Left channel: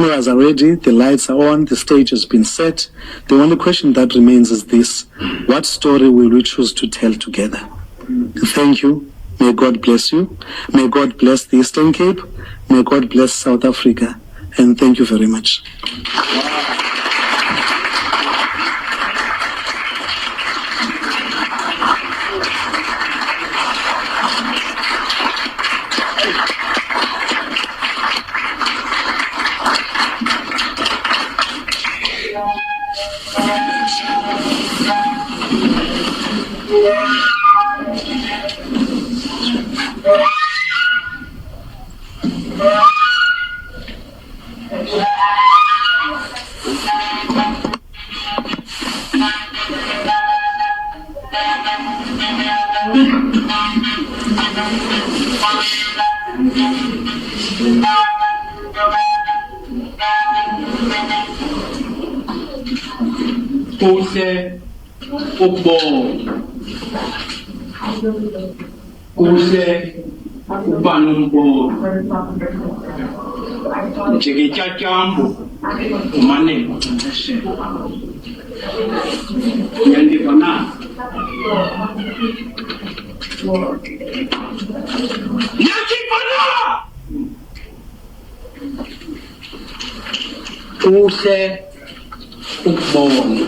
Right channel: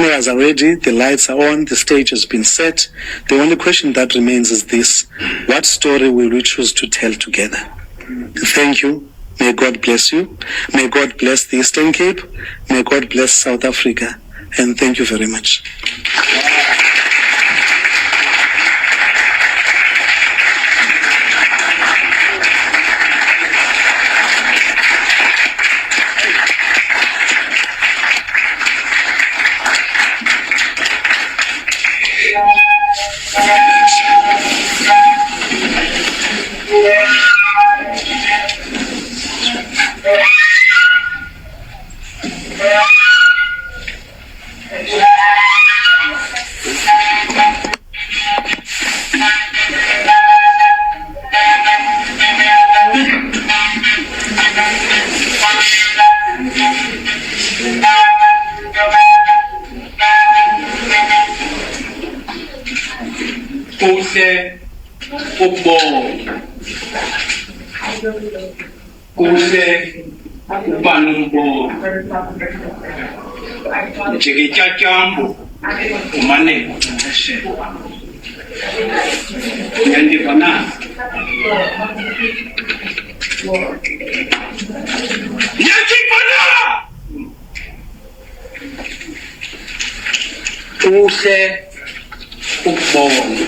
Cameras are ready, the lights are on, the stage has been set. The only question that remains is this: what story will we choose to tell together? Thank you. May God bless you. May God bless the Eastern Cape. May God bless South Africa. And thank you very much. Kuhle ukubonga, kuhle ukuba nombono njengetyatyambo umane uceceshela. Uyandiva na? Uyandiva na? Kuhle ukubona,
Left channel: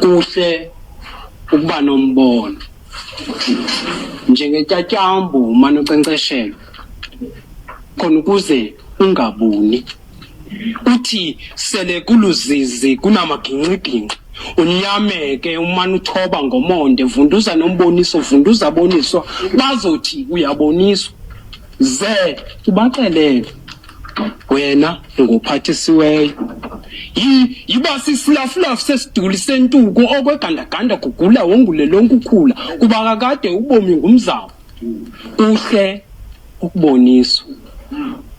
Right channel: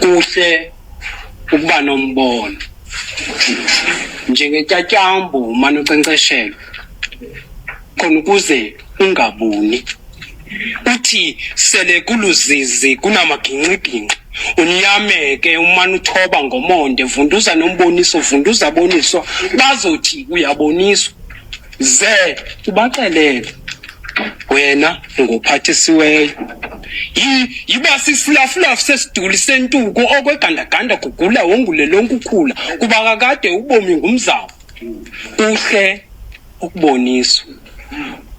kuhle ukuba nombono njengetyatyambo umane unkcenkceshela khona ukuze ungabuni. Uthi sele kuluzizi kunamagingxigingxi unyameke umane uthoba ngomonde, vunduza nomboniso, vunduza boniswa, bazothi uyaboniswa. Ze ubaxelele wena ngophathisiweyo yiba sisilafulafu sesiduli sentuko okwegandaganda kugula wongule lonke ukhula kuba kakade ubomi ngumzamo. Kuhle ukuboniswa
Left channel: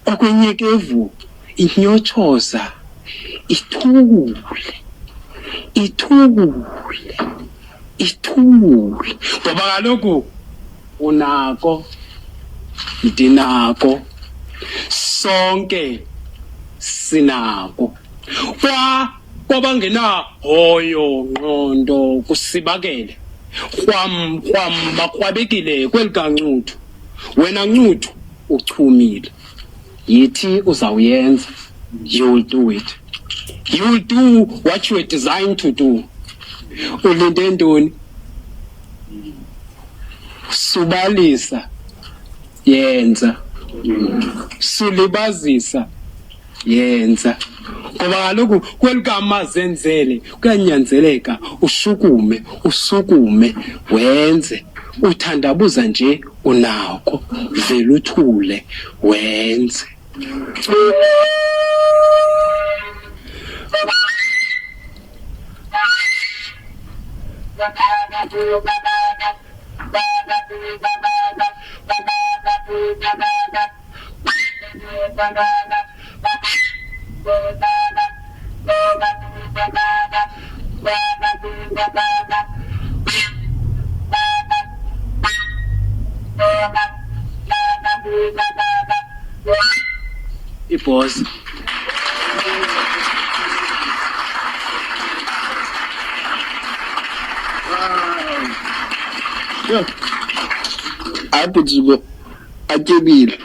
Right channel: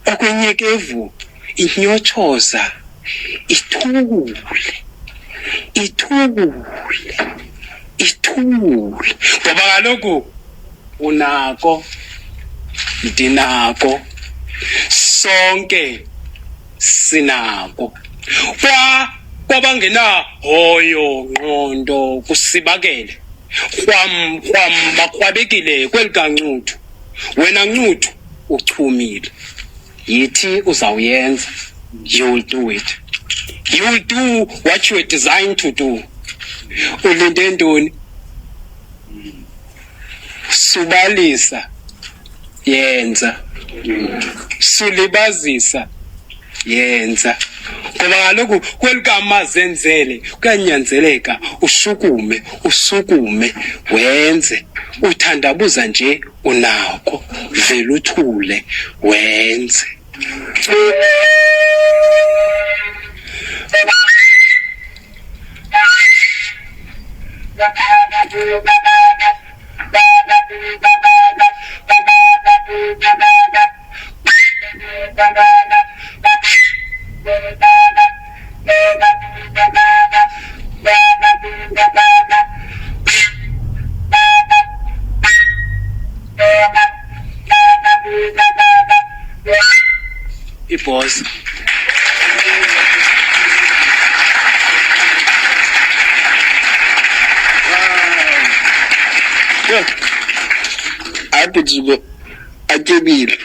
okwenyekevu inyotshoza ithule ngoba kaloku unako ndinako sonke sinako. Kwabangena hoyo ngqondo kusibakele kwam bakrwabekile kweli kancuthu. Wena ncuthu uchumile, yithi uzawuyenza. You'll do it. You'll do what you were designed to do. Ulinde ntoni? Subalisa, yenza. Sulibazisa, yenza. Ngoba kaloku kwelikama zenzele kuyanyanzeleka usukume wenze. Uthandabuza nje unako, vele uthule wenze. Boss. Happy to go. Akebile.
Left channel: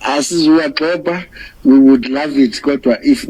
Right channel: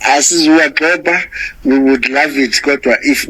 Asizuwa xepa, we would love it kodwa if